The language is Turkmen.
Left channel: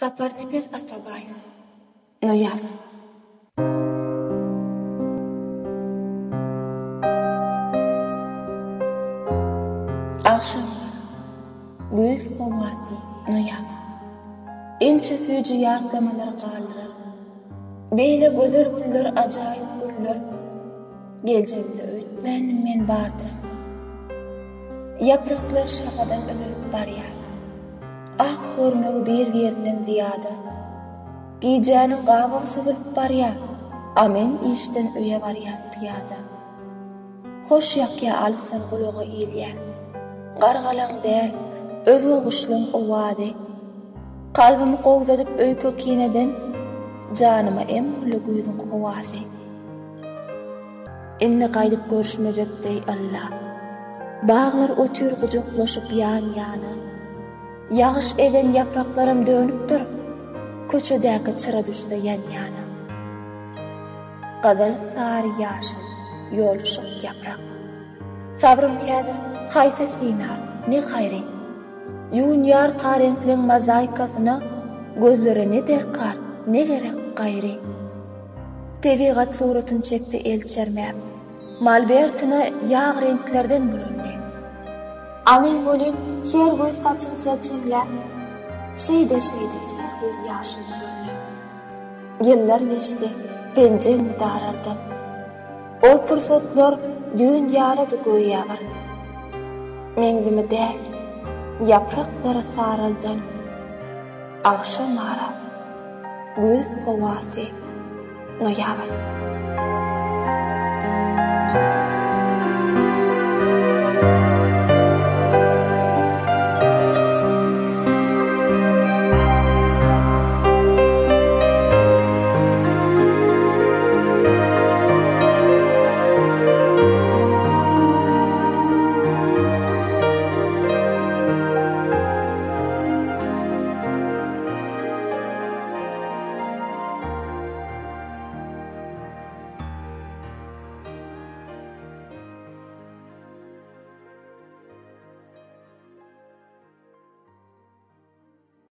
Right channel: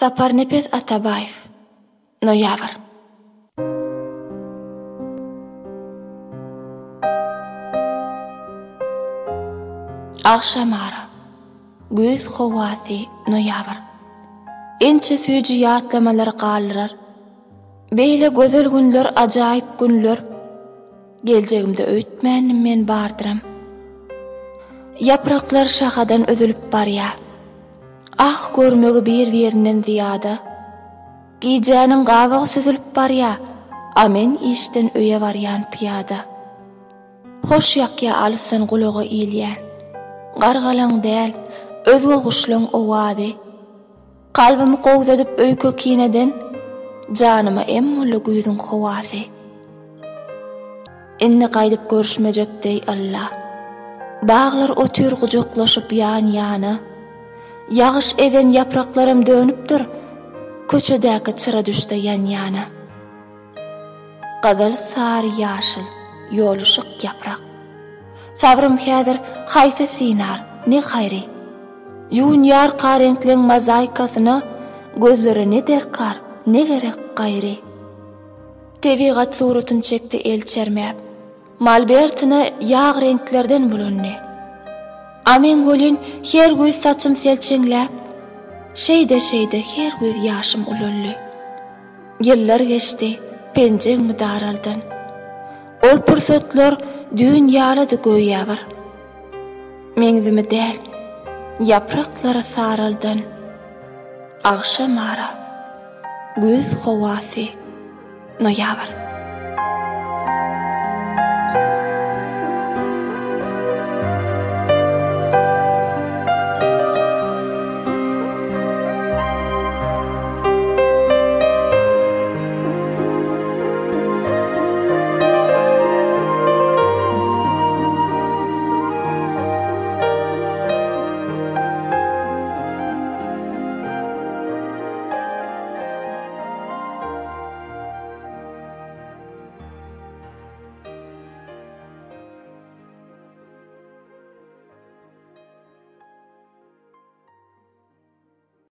Zaparnepes Atabayev, noyabr. Akşamara, güz hovasi, noyabr. Inçe süýji ýatlamalar galdyrar. Beýle gözel günler, ajaýyp günler. Geljegimde öýtmänim men bardyram. Yapraklar şahadan özülüp barýar. Ah görmegi bir-birinden ziýada. Giyjäniň gabagy süzülüp barýar. A men işden öýe barýan piyada. Hoş ýakya alsan gulagy ilýän. Gargalaň däl, özge guşlaň owady. Kalbymy gowdadyp öýke kineden, janyma emmoly güýdüň howasy. Inni gaýdyp görüşmejekdi Allah. Bağlar ötür gujoklaşyp ýan-ýana. Yağış eden yapraklarym dönüpdir. Köçedäki çıra düşde ýan-ýana. Gazal sary ýaşyl, ýoluşyk yaprak. Sabrym häzir haýsy sinar, ne haýry. Ýun ýar karenkliň mozaikasyna gözlerini derkar, ne gerek gaýry. Tebigat suratyny çekdi elçermäp. Malbertine ýağ renklerden bulandy. Amen gölün her güýz saçym selçeňläp, şeýde her güýz ýaşym ulully. Ýyllar geçdi, penjegimi daraldan. Ol pursatlar dünýalady göýýär. Meňzimi däl, yapraklary saraldan. Akşamara, güz howasy, noyabr.